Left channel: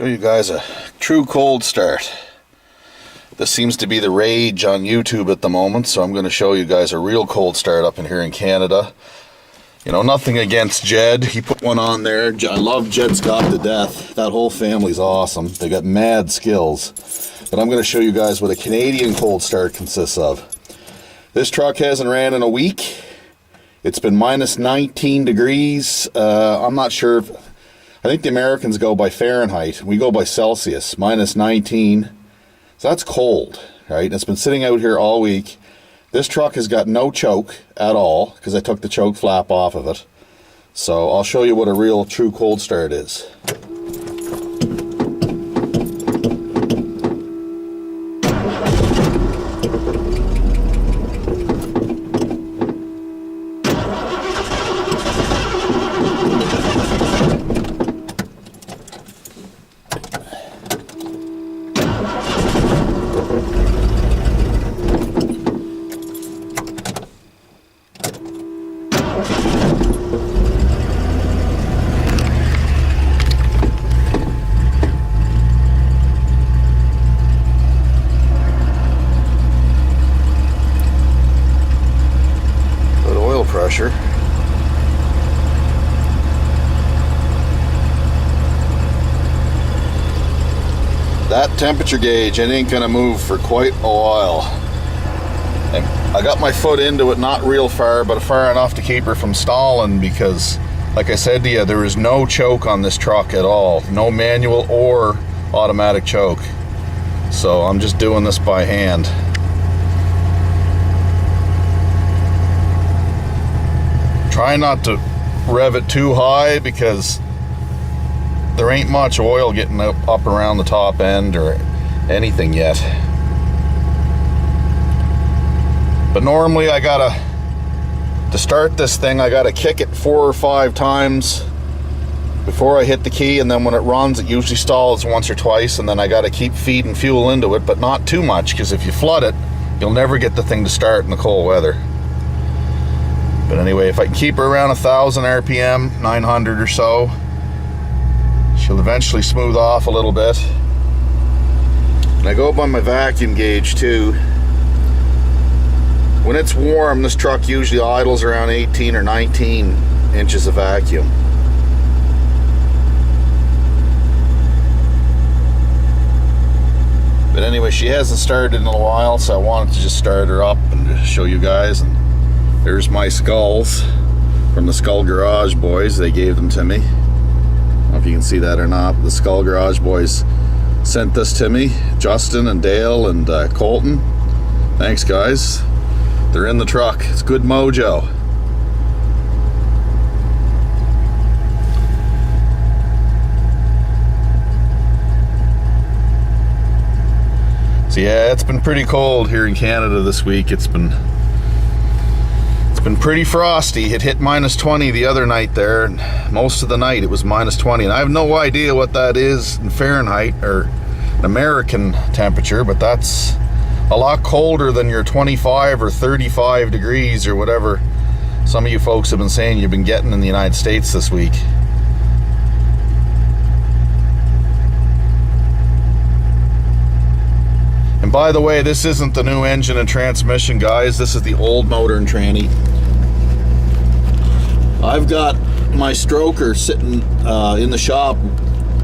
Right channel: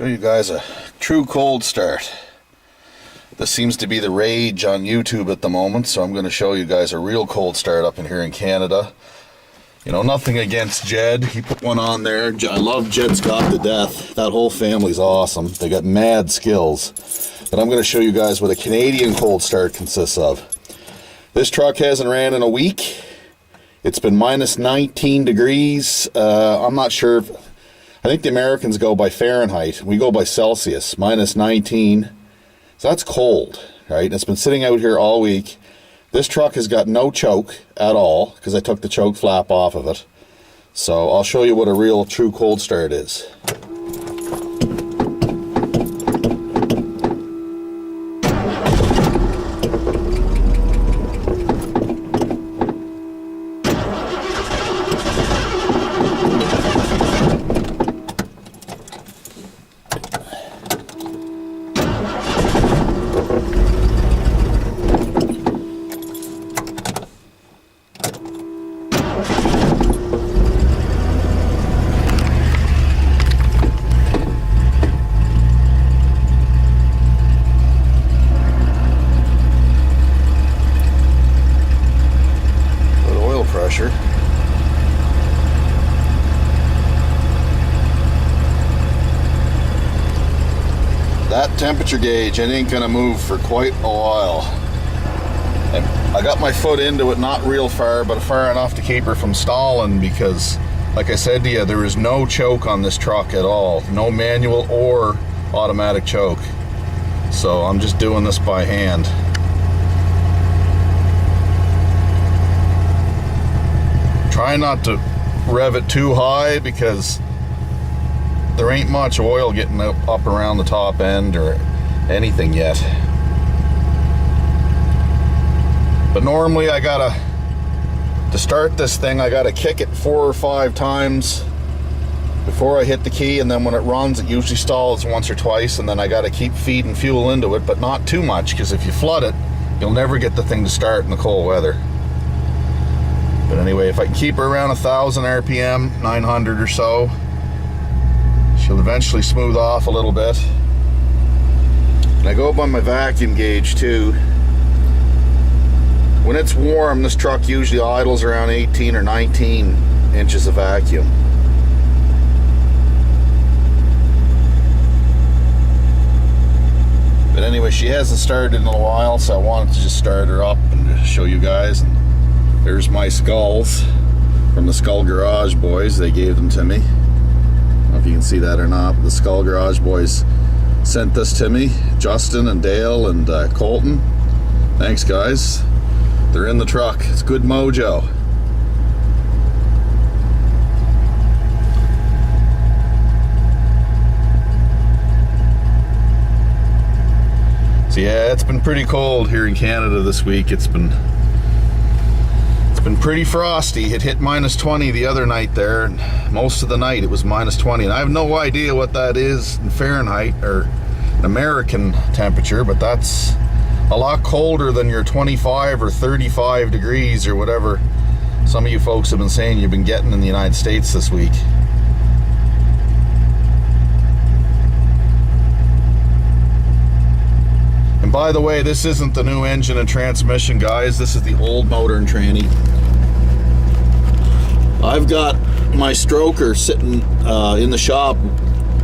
Show you guys a true cold start. This seems to be the rage on YouTube at the moment, so I'm going to show you guys a real cold start up in here in Canada. You know, nothing against Jed. He put one on there. I love Jed Scott to death. That whole family's awesome. They got mad skills. But I'm going to show you guys what a Canadian cold start consists of. This truck hasn't ran in a week. It's been minus 19 degrees. I'm not sure if... I think the Americans go by Fahrenheit. We go by Celsius, minus 19. So that's cold, right? It's been sitting out here all week. This truck has got no choke at all because I took the choke flap off of it. So I'll show you what a real true cold start is. Pressure. That temperature gauge, it ain't gonna move for quite a while. And I got my foot into it, not real far, but far enough to keep her from stalling because, like I said to you, there is no choke on this truck at all. No manual or automatic choke. So I'm just doing this by hand. Try not to rev it too high because there ain't much oil getting up around the top end or anything yet. But normally to start this thing, I gotta kick it 4 or 5 times before I hit the key, and then when it runs, it usually stalls once or twice, and then I gotta keep feeding fuel into it, but not too much, because if you flood it, you'll never get the thing to start in the cold weather. But anyway, if I can keep her around 1,000 RPM, 900 or so, she'll eventually smooth off a little bit. And I go by my vacuum gauge too. When it's warm, this truck usually idles around 18 or 19 inches of vacuum. But anyway, she hasn't started in a while, so I wanted to just start her up and show you guys. And there's my skulls from the Skull Garage boys. They gave them to me. I don't know if you can see that or not. The Skull Garage boys sent this to me. Justin and Dale and Colton. Thanks, guys. They're in the truck. It's good mojo. So yeah, it's been pretty cold here in Canada this week. It's been pretty frosty. It hit minus 20 the other night there, and most of the night it was minus 20, and I have no idea what that is in Fahrenheit or an American temperature, but that's a lot colder than your 25 or 35 degrees or whatever some of you folks have been saying you've been getting in the United States this week. And by the way, this isn't the new engine and transmission, guys. This is the old motor and tranny. I've got my stroker sitting in the shop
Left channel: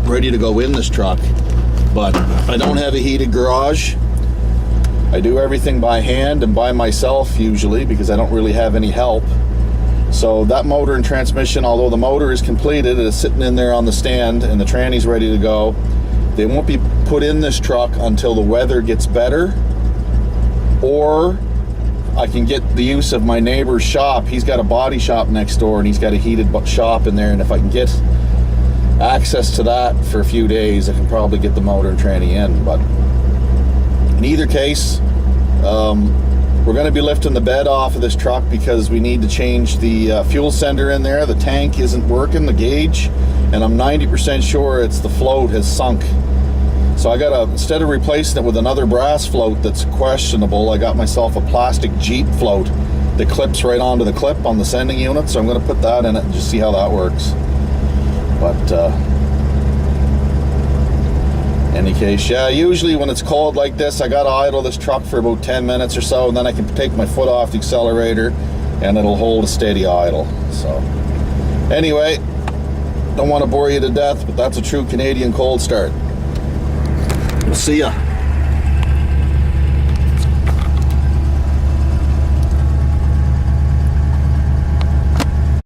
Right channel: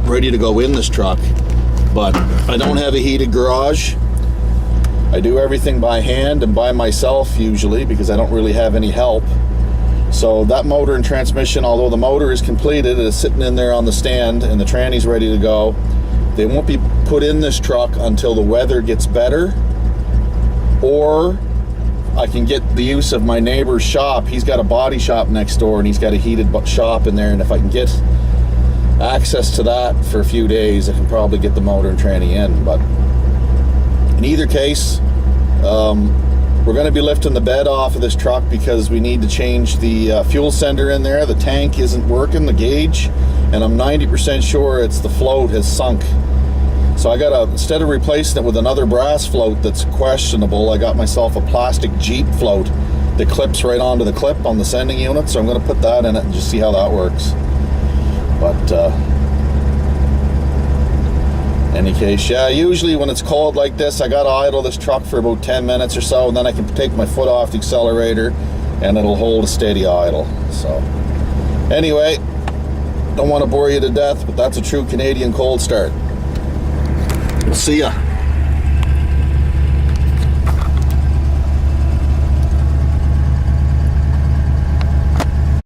ready to go in this truck, but I don't have a heated garage. I do everything by hand and by myself usually because I don't really have any help. So that motor and transmission, although the motor is completed, it is sitting in there on the stand and the tranny's ready to go. They won't be put in this truck until the weather gets better, or I can get the use of my neighbor's shop. He's got a body shop next door and he's got a heated shop in there, and if I can get access to that for a few days, I can probably get the motor and tranny in. But in either case, we're going to be lifting the bed off of this truck because we need to change the fuel sender in there. The tank isn't working, the gauge, and I'm 90% sure it's the float has sunk. So I gotta, instead of replacing it with another brass float that's questionable, I got myself a plastic Jeep float that clips right onto the clip on the sending unit. So I'm gonna put that in it and just see how that works. But any case, yeah, usually when it's cold like this, I gotta idle this truck for about 10 minutes or so, and then I can take my foot off the accelerator and it'll hold a steady idle. So anyway, don't want to bore you to death, but that's a true Canadian cold start. We'll see ya.